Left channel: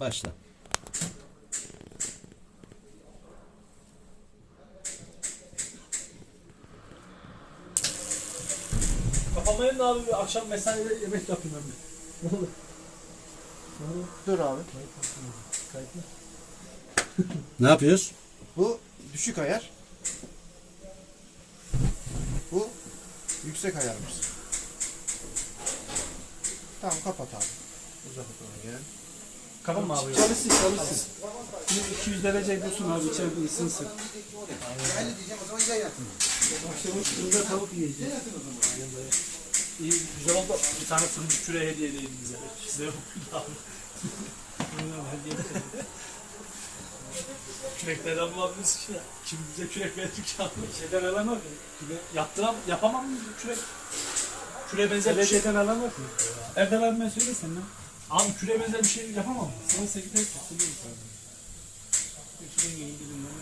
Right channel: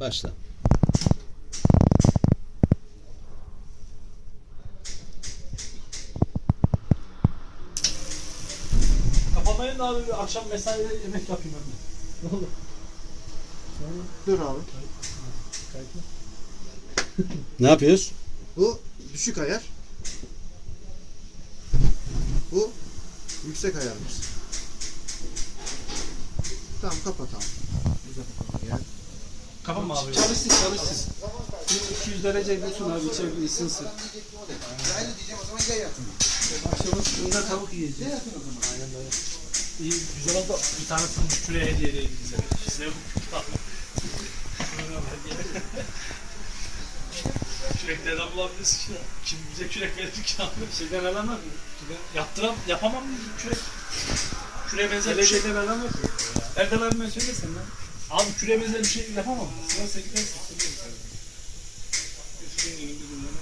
Başla. Kapamayın da abi, akşam mesaide yemek yapayım ben de. Ne olur. Dur abi. Ne yapıyoruz? Bu düşük ayar. Bu yüksek ayarımız. Tamam kapat abi. Uzat bakalım ya. Kapama abi. Çalışsın. 200 derece dursun abi, içeride ısınsın. Akşama fırında tavuk yiyeceğiz. Aynen böyle. İyi, güzel oldu. Bir tane fındık küreği hediye edelim bize. Size yok. Küreklerden bulabiliriz ki. Kim bize kürek verir ki abi? Şeyden alamaz mı? Yapamam mı kürek? Küreğe benzer bir Belediyede şey. alamaz mı? Erdal abime söylesene lan. Abi küreğe benzer bir şey yapamam mı? Sırası gidersin. Söylüyorum sana. Üstünün gibi birinden.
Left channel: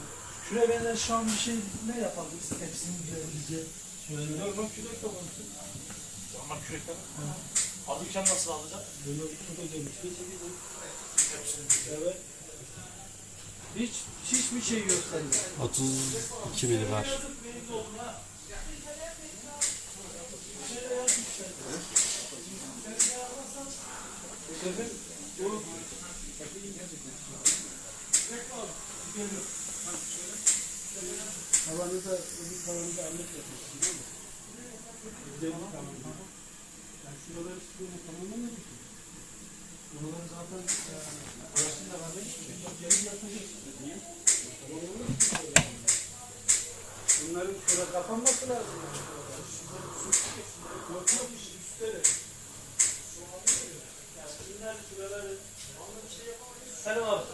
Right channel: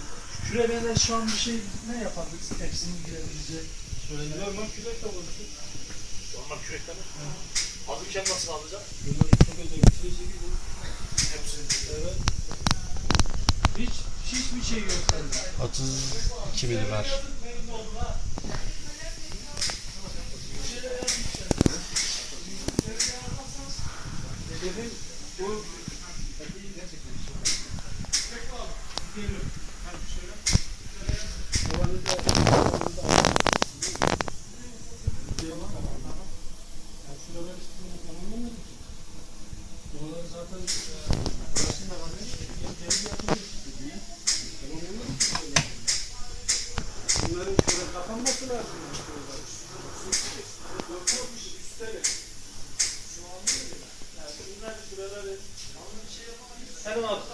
Küreğe benzer şu an bir şey ne yapabiliriz? Hepsini girebileceği. Şöyle ne? Normal kürek de olursun. Normal kürekler var. Alırken nasıl alacak? Böyle çok özel bir şey gibi. Evet. Hiçbir şey yok sende. 32 mili var. Hedefin bu. Havanızda onları zaten başında var. Bunların şöyle kapanması lazım. Yokmuş üstleri. Selam abi.